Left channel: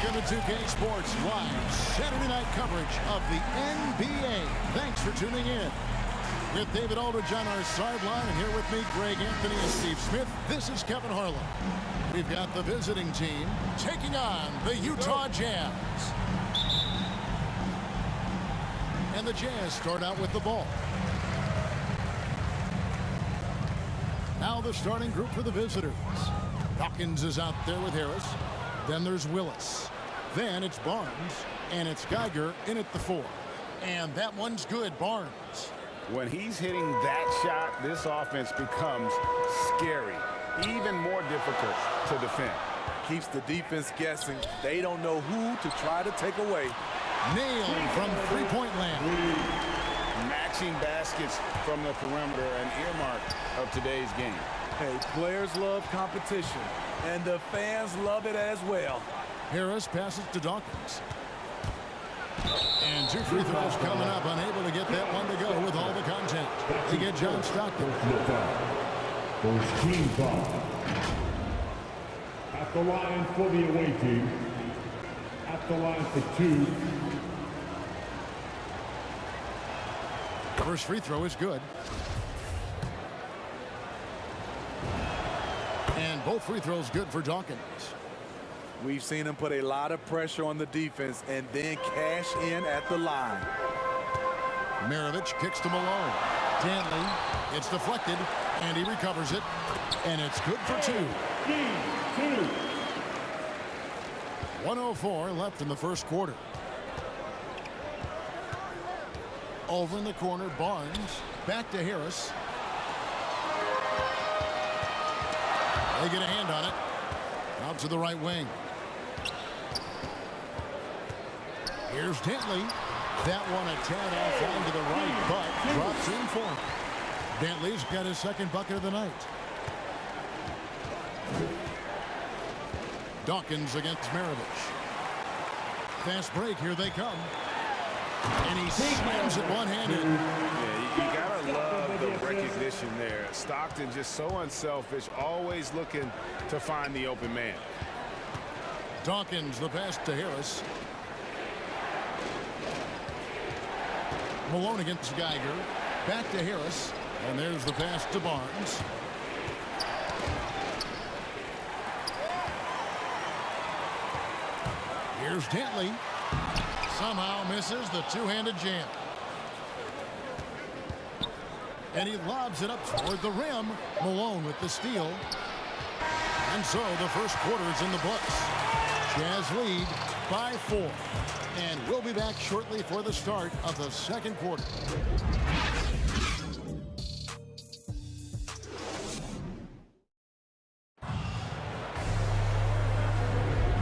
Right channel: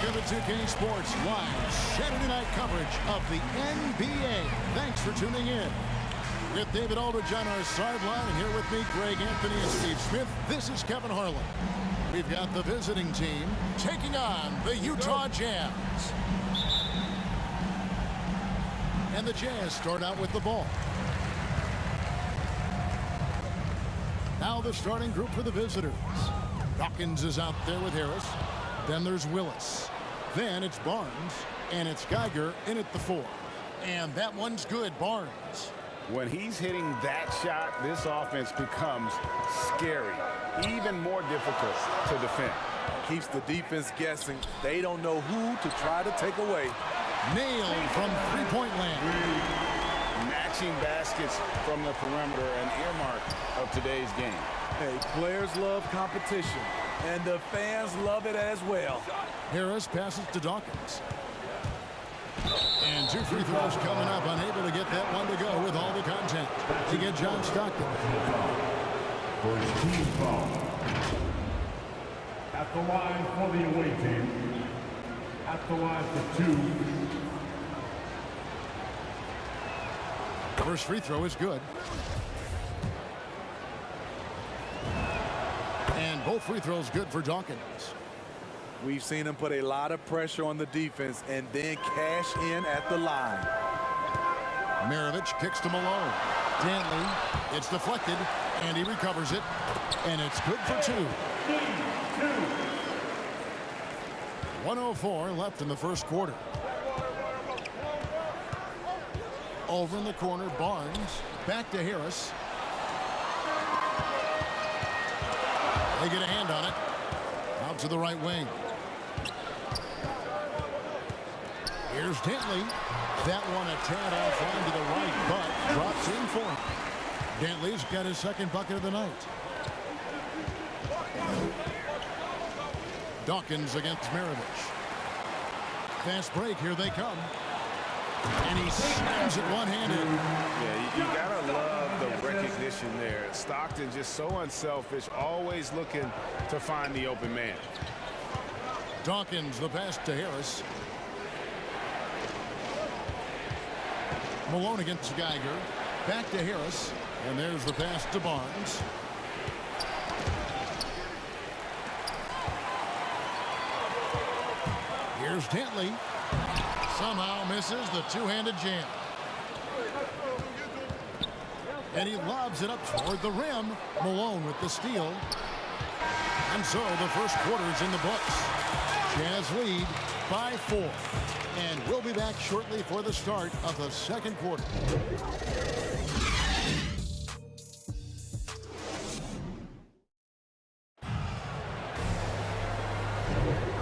Welcome to 2K Sports live Saturday night coverage of the NBA. Thanks for tuning in. With David Aldridge on our sideline, and here with me, Greg Anthony and Steve Smith, this is Kevin Harlan. We've got the visiting team taking on the Utah Jazz. And the Jazz start out with the ball. Now the starting group for the visitors. Dawkins is out there with Harris. Then there's Willis. Then it's Barnes. And it's Geiger in at the 4. And that one's good, Barnes. When he's hitting that shot, this offense becomes scary, even more difficult to defend. Keeps the defense guessing. They don't know who to try to take away. Nailed from three-point land. Matching baskets from the perimeter, an earmark of today's game. Hey, players love competition, and the fans love it as well. Harris passes to Dawkins. And 2 free throws coming up, unable to get that one to go with all the content. They get John Stockton. First team foul. At the line for the away team. At the line for 2. First free throw is good. And both free throws good for Dawkins. We've seen him put a lot of pressure on the defense and then cash in at the line. Maravich kicks to Malone. Dantley, it's deflected, and he recovers it. And it's good for 2. 1:04 left in the first quarter. Over in the corner, Barnes. Back to Harris. They get a hand on it. Out to the right wing. Here's Dantley. That one a tad offline to the right, but drops in for him. Dantley's got his second bucket of the night. Dawkins against Maravich. Fast break, here they come. And he slams it one-handed. Yeah, you gotta love the recognition there. Stockton just so unselfish, always looking to find the open man. Dawkins, the pass to Harris. Malone against Geiger. Back to Harris. And there's the pass to Barnes. Here's Dantley. Somehow misses the two-handed jam. And he lobs it up toward the rim. Malone with the steal. And so the first quarter is in the books. Jazz lead by 4. And we'll be back shortly for the start of the second quarter.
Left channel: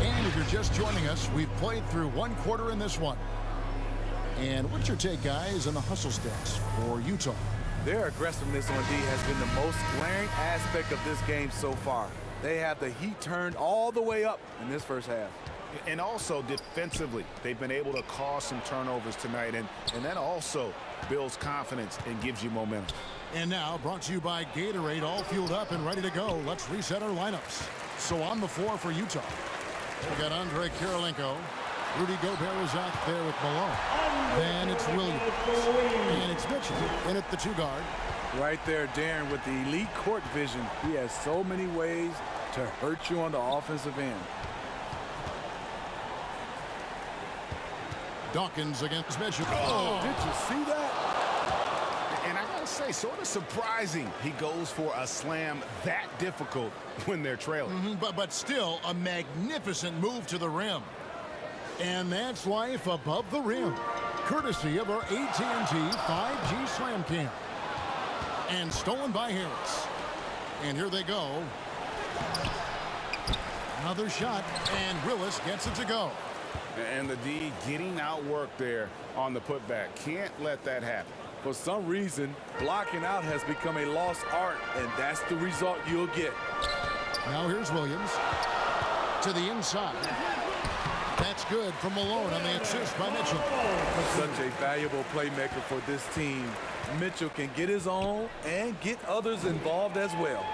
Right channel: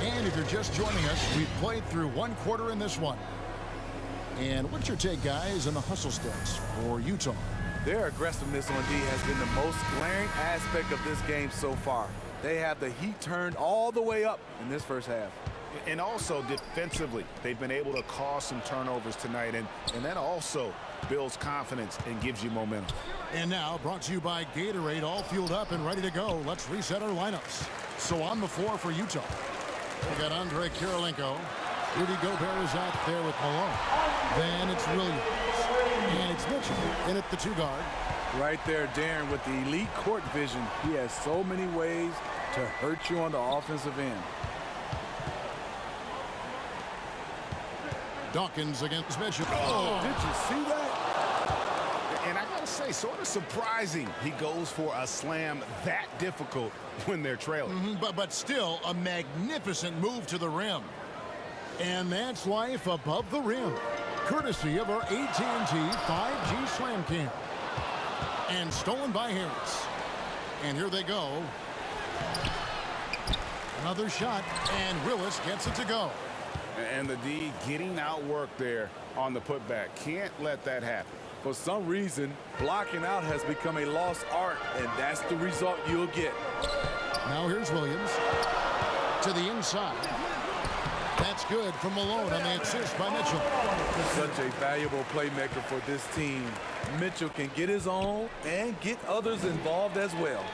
And if you're just joining us, we've played through 1 quarter in this one. And what's your take, guys, on the hustle stats for Utah? Their aggressiveness on D has been the most glaring aspect of this game so far. They have the heat turned all the way up in this first half. And also defensively, they've been able to cause some turnovers tonight, and that also builds confidence and gives you momentum. And now, brought to you by Gatorade, all fueled up and ready to go. Let's reset our lineups. So on the floor for Utah, we got Andre Kirilenko. Rudy Gobert is out there with Malone. Then it's Williams. And it's Mitchell in at the 2 guard. Right there, Darren, with the elite court vision. He has so many ways to hurt you on the offensive end. Dawkins against Mitchell. Oh, did you see that? And I gotta say, sort of surprising he goes for a slam that difficult when they're trailing. But still a magnificent move to the rim. And that's life above the rim, courtesy of our AT&T 5G Slam Cam. And stolen by Harris. And here they go. Another shot, and Willis gets it to go. And the D getting outworked there on the putback. Can't let that happen. For some reason, blocking out has become a lost art, and that's the result you'll get. Now here's Williams to the inside. That's good from Malone on the assist by Mitchell. Such a valuable playmaker for this team. Mitchell can get his own and get others involved as well.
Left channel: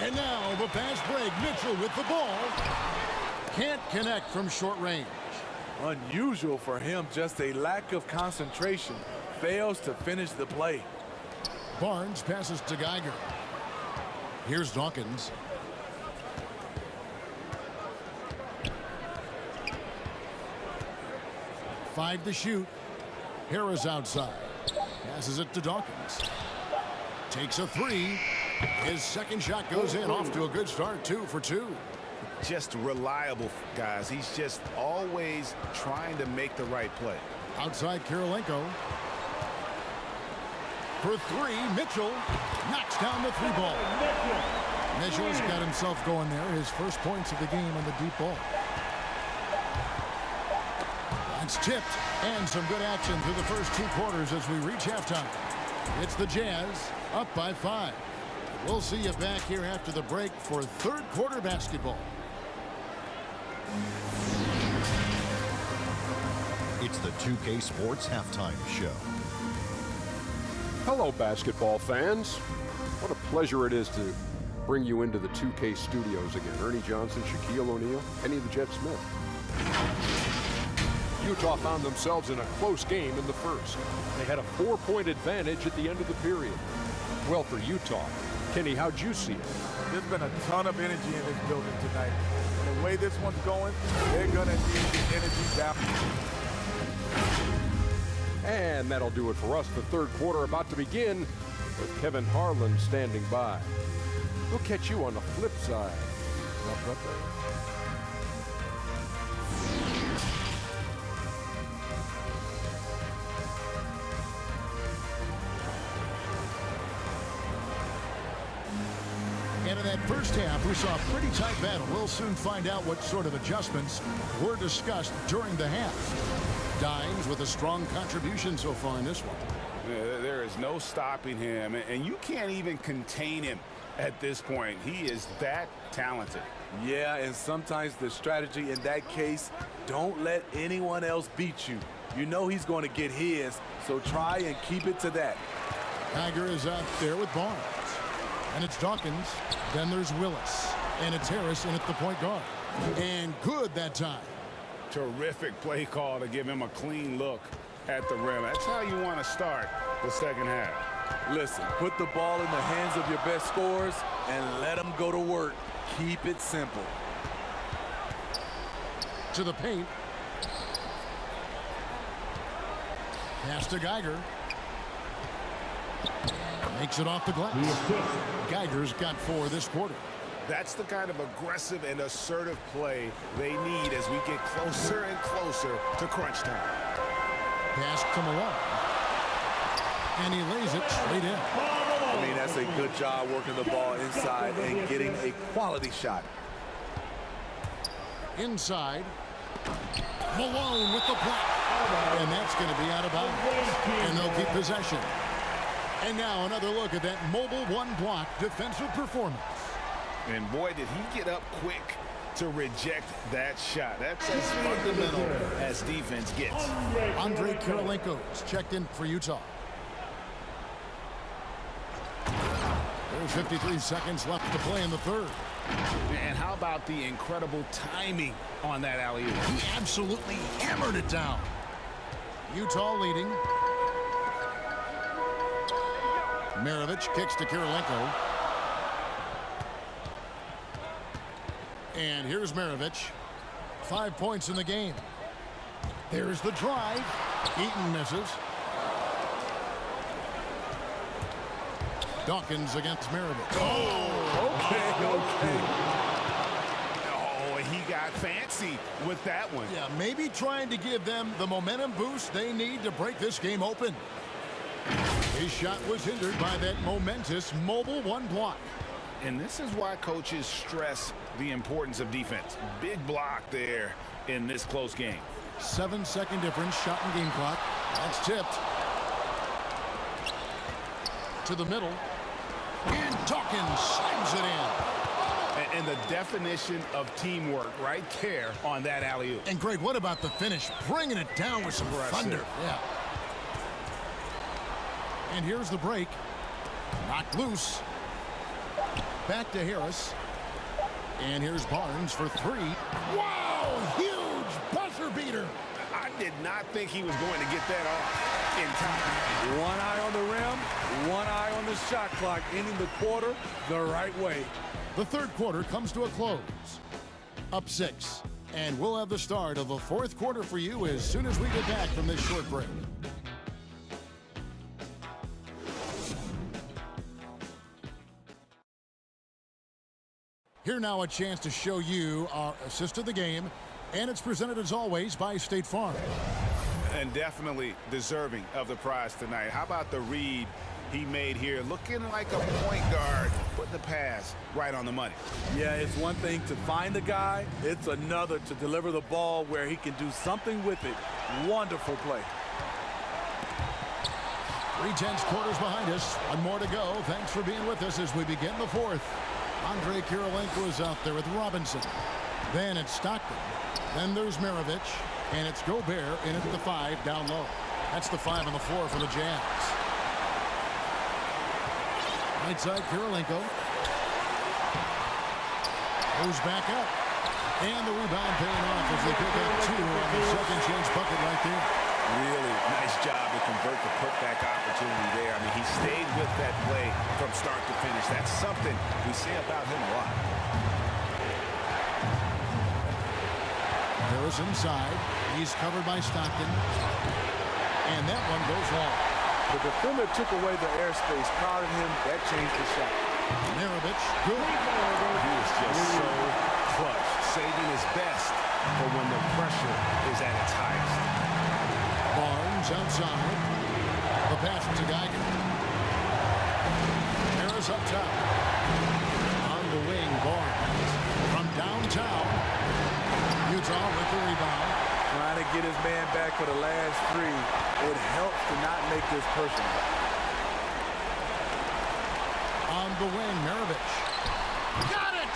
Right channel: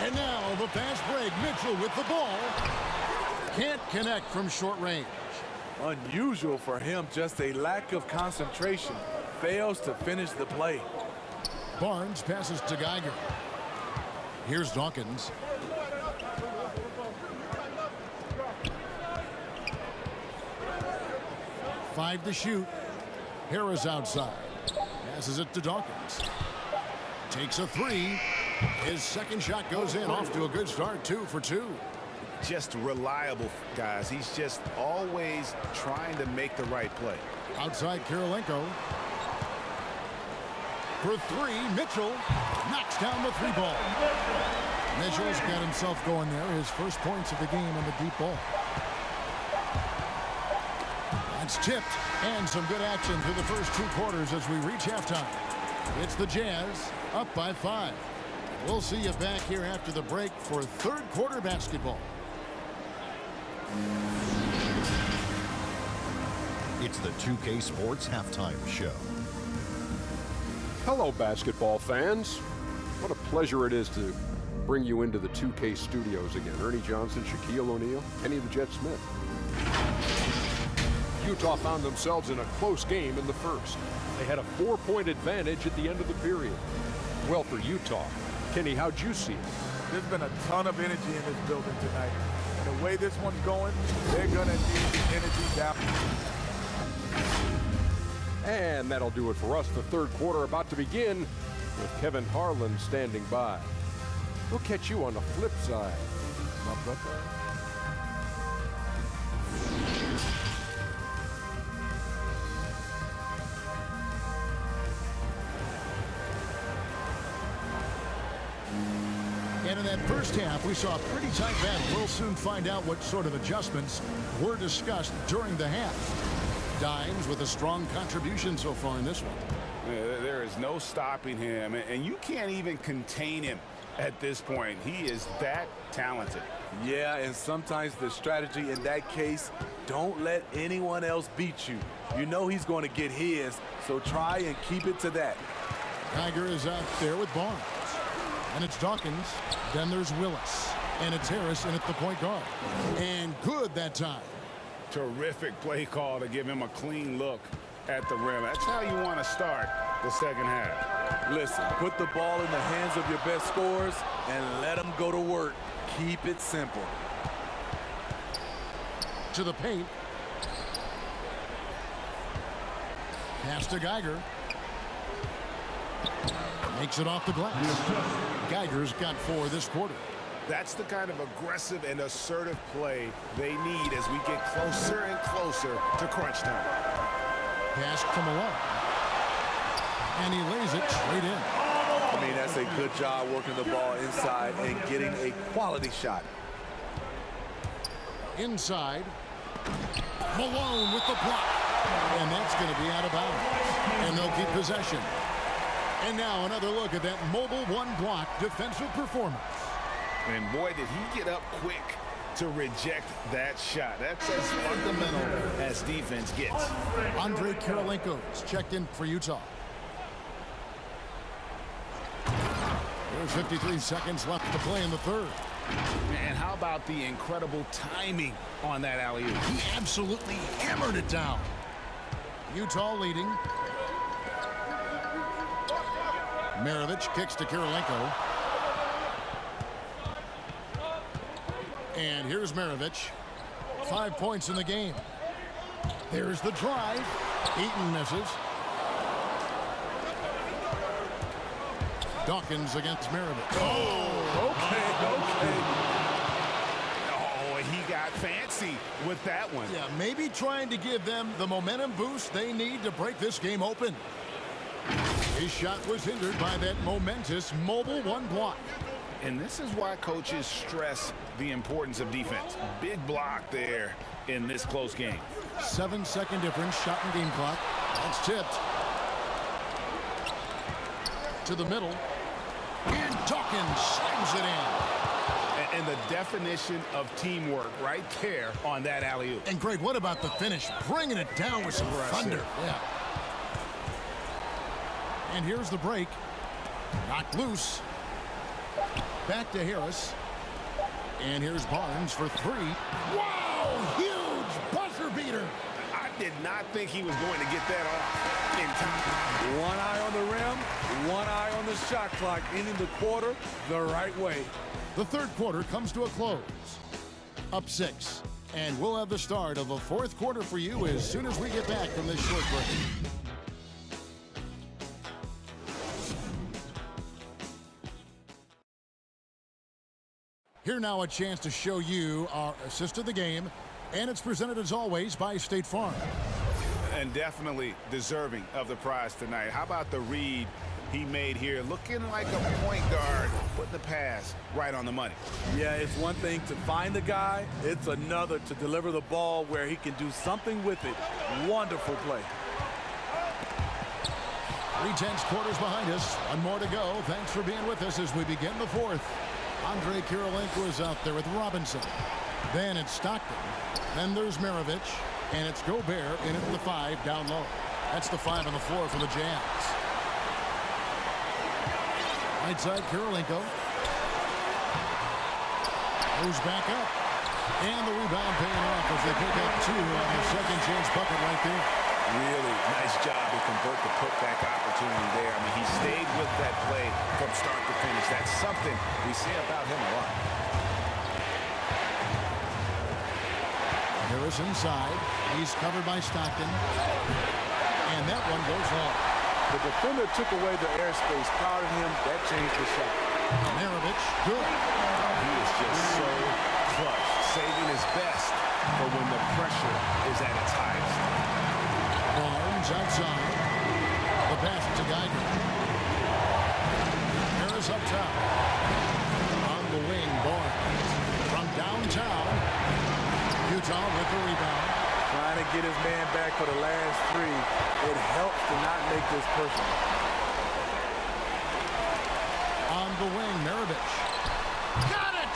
And now the fast break. Mitchell with the ball. Can't connect from short range. Unusual for him, just a lack of concentration. Fails to finish the play. Barnes passes to Geiger. Here's Dawkins. Five to shoot. Harris outside. Passes it to Dawkins. Takes a three. His second shot goes in. Off to a good start. 2 for 2. Just reliable, guys. He's just always trying to make the right play. Outside Kirilenko. For three, Mitchell knocks down the 3 ball. Mitchell's got himself going there. His first points of the game on the deep ball. That's tipped, and some good action through the first 2 quarters as we reach halftime. It's the Jazz up by 5. We'll see you back here after the break for third quarter basketball. It's the 2K Sports Halftime Show. Hello, basketball fans. What a pleasure it is to bring you into the 2K studios again. Ernie Johnson, Shaquille O'Neal, Kenny the Jet Smith. Utah found themselves in a close game in the first. They had a 4-point advantage at the end of the period. Well, for Utah, Kenny, how'd you see it? There's been a ton of energy in this building tonight. And the way this one's going, they're going to need the energy down. And that'll do it for us. The third quarter about to begin with Kevin Harlan standing by. We'll catch you on the flip side. My brother. And in that first half, we saw a pretty tight battle. We'll soon find out what sort of adjustments were discussed during the half. Dimes with a strong contribution so far in this one. There is no stopping him, and you can't even contain him at this point. He is that talented. Yeah, and sometimes the strategy in that case, don't let anyone else beat you. You know he's going to get his, so try and keep it to that. Geiger is out there with Barnes. And it's Dawkins. Then there's Willis. And it's Harris in at the point guard. And good that time. Terrific play call to give him a clean look at the rim. That's how you want to start the second half. Listen, put the ball in the hands of your best scorers and let them go to work. Keep it simple. To the paint. Pass to Geiger. Makes it off the glass. Geiger's got 4 this quarter. That's the kind of aggressive and assertive play they need as we get closer and closer to crunch time. Pass to Malone. And he lays it straight in. I mean, that's a good job working the ball inside and getting a quality shot. Inside. Malone with the block. And that's going to be out of bounds. And they'll keep possession. And now another look at that mobile one-block defensive performance. And boy, did he get up quick to reject that shot. That's as fundamental as defense gets. Andre Kirilenko's checked in for Utah. There's 53 seconds left to play in the third. And how about the incredible timing on that alley-oop? He absolutely hammered it down. Utah leading. Maravich kicks to Kirilenko. And here's Maravich. 5 points in the game. There's the drive. Eaton misses. Dawkins against Maravich. Oh, okay. Oh, he got fancy with that one. Yeah, maybe trying to give them the momentum boost they need to break this game open. His shot was hindered by that momentous mobile one block. And this is why coaches stress the importance of defense. Big block there in this close game. 7-second difference, shot and game clock. That's tipped. To the middle. And Dawkins slams it in. And the definition of teamwork right there on that alley-oop. And Greg, what about the finish? Bringing it down with some thunder. Yeah. And here's the break. Knocked loose. Back to Harris. And here's Barnes for three. Wow, huge buzzer beater. I did not think he was going to get that off in time. One eye on the rim, one eye on the shot clock, ending the quarter the right way. The third quarter comes to a close. Up 6. And we'll have the start of the fourth quarter for you as soon as we get back from this short break. Here now a chance to show you our assist of the game, and it's presented as always by State Farm. And definitely deserving of the prize tonight. How about the read he made here, looking like a point guard, putting the pass right on the money. Yeah, it's one thing to find the guy. It's another to deliver the ball where he can do something with it. Wonderful play. 3/10 quarters behind us. One more to go. Thanks for being with us as we begin the fourth. Andre Kirilenko is out there with Robinson. Then it's Stockton. Then there's Maravich. And it's Gobert in at the 5 down low. That's the 5 on the floor for the Jazz. Right side, Kirilenko. Goes back up. And the rebound paying off as they pick up 2 on the second chance bucket right there. Really nice job to convert the putback opportunity there. I mean, he stayed with that play from start to finish. That's something we say about him a lot. Harris inside. He's covered by Stockton. And that one goes long. The defender took away the airspace, crowded him. That changed the shot. Maravich, good. Oh, he is just so clutch, saving his best for when the pressure is at its highest. Barnes outside. The pass to Geiger. Harris up top. On the wing, Barnes. From downtown. Utah with the rebound. Trying to get his man back for the last 3. It helps to not make this personal. On the wing, Maravich. Got it!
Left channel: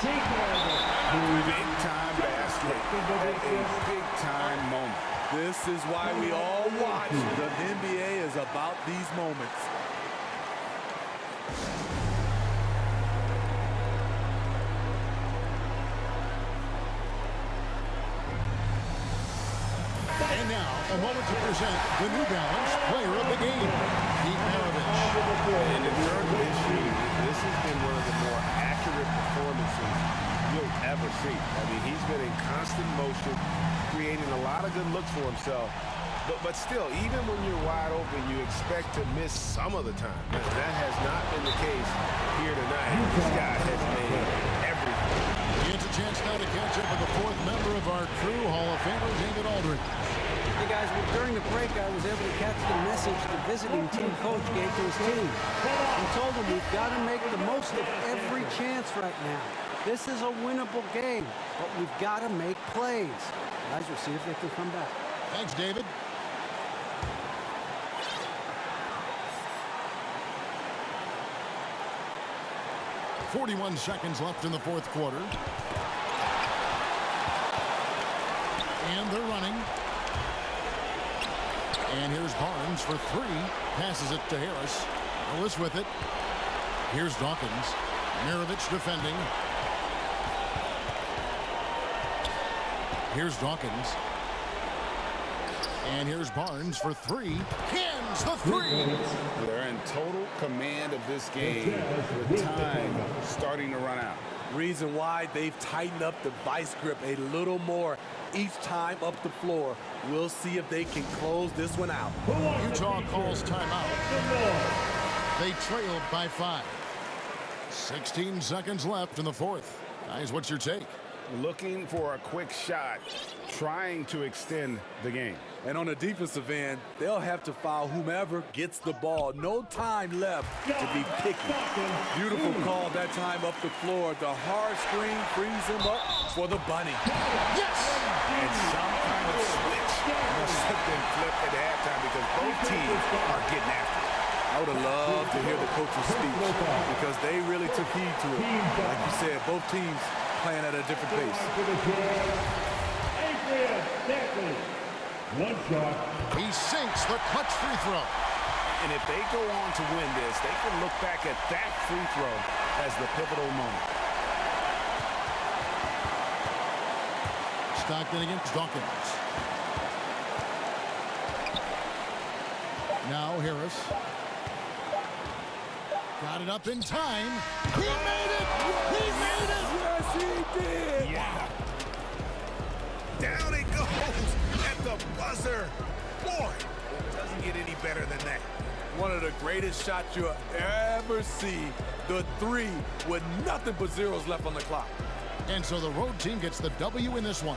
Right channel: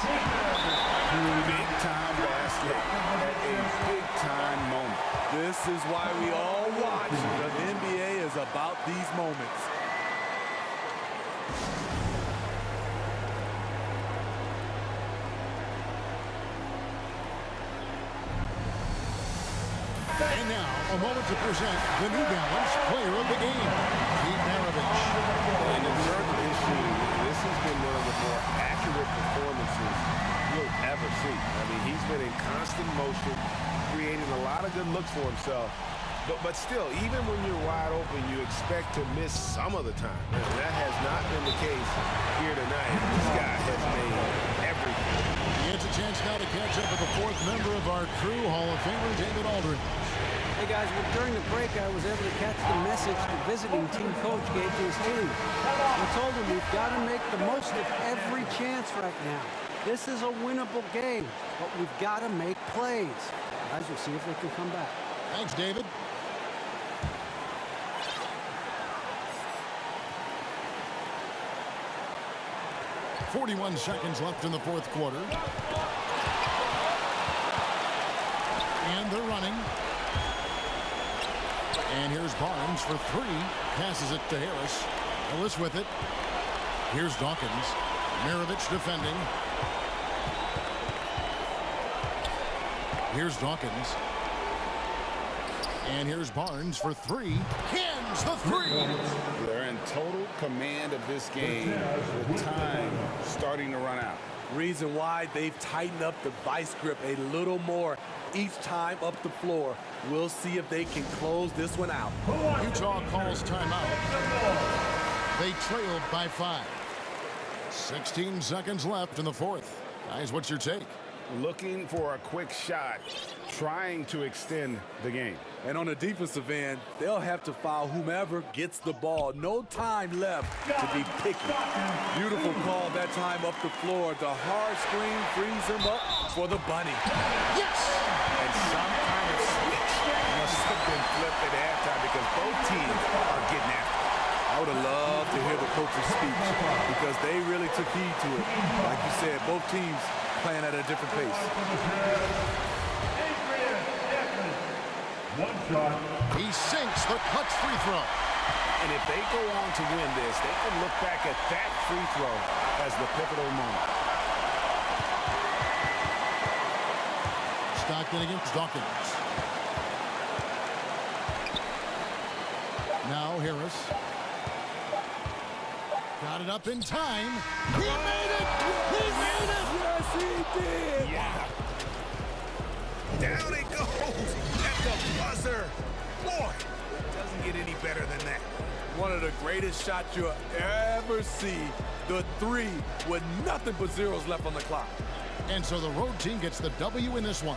Big-time basket at a big-time moment. This is why we all watch. The NBA is about these moments. And now, a moment to present the New Balance Player of the Game, Pete Maravich. And in terms of his shooting, this has been one of the more accurate performances you'll ever see. I mean, he's been in constant motion, creating a lot of good looks for himself. But still, even when you're wide open, you expect to miss some of the time. And that has not been the case here tonight. This guy has made everything. He gets a chance now to catch up with the 4th member of our crew, Hall of Famer David Aldridge. Hey guys, well during the break I was able to catch the message the visiting team coach gave to his team. He told them we've got to make the most of every chance right now. This is a winnable game, but we've got to make plays. Guys, we'll see if they can come back. Thanks, David. .41 seconds left in the fourth quarter. And they're running. And here's Barnes for 3. Passes it to Harris. Willis with it. Here's Dawkins. Maravich defending. Here's Dawkins. And here's Barnes for 3. Cans the 3. They're in total command of this game with time starting to run out. Reason why they've tightened up the vice grip a little more each time up the floor. We'll see if they can close this one out. Utah calls timeout. They trailed by 5. 16 seconds left in the fourth. Guys, what's your take? Looking for a quick shot, trying to extend the game. And on the defensive end, they'll have to foul whomever gets the ball. No time left to be picky. Beautiful call that time up the floor. The hard screen frees him up for the bunny. Yes! And some kind of switch must have been flipped at halftime because both teams are getting after it. I would have loved to hear the coach's speech because they really took heed to it. Like you said, both teams playing at a different pace. One shot. He sinks the clutch free throw. And if they go on to win this, they can look back at that free throw as the pivotal moment. Stockton against Dawkins. Now Harris. Got it up in time. He made it! He made it! Yes, he did! Yeah. Down it goes at the buzzer. Boy, it doesn't get any better than that. One of the greatest shots you'll ever see. The three with nothing but zeros left on the clock. And so the road team gets the W in this one.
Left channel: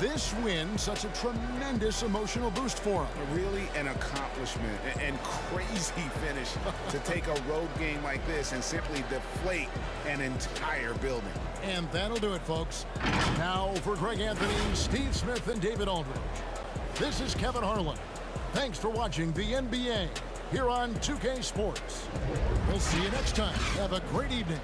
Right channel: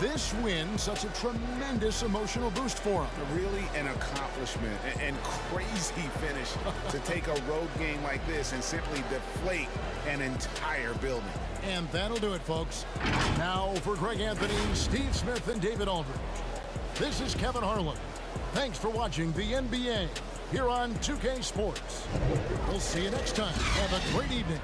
This win, such a tremendous emotional boost for them. Really an accomplishment and crazy finish to take a road game like this and simply deflate an entire building. And that'll do it, folks. Now for Greg Anthony, Steve Smith, and David Aldridge. This is Kevin Harlan. Thanks for watching the NBA here on 2K Sports. We'll see you next time. Have a great evening.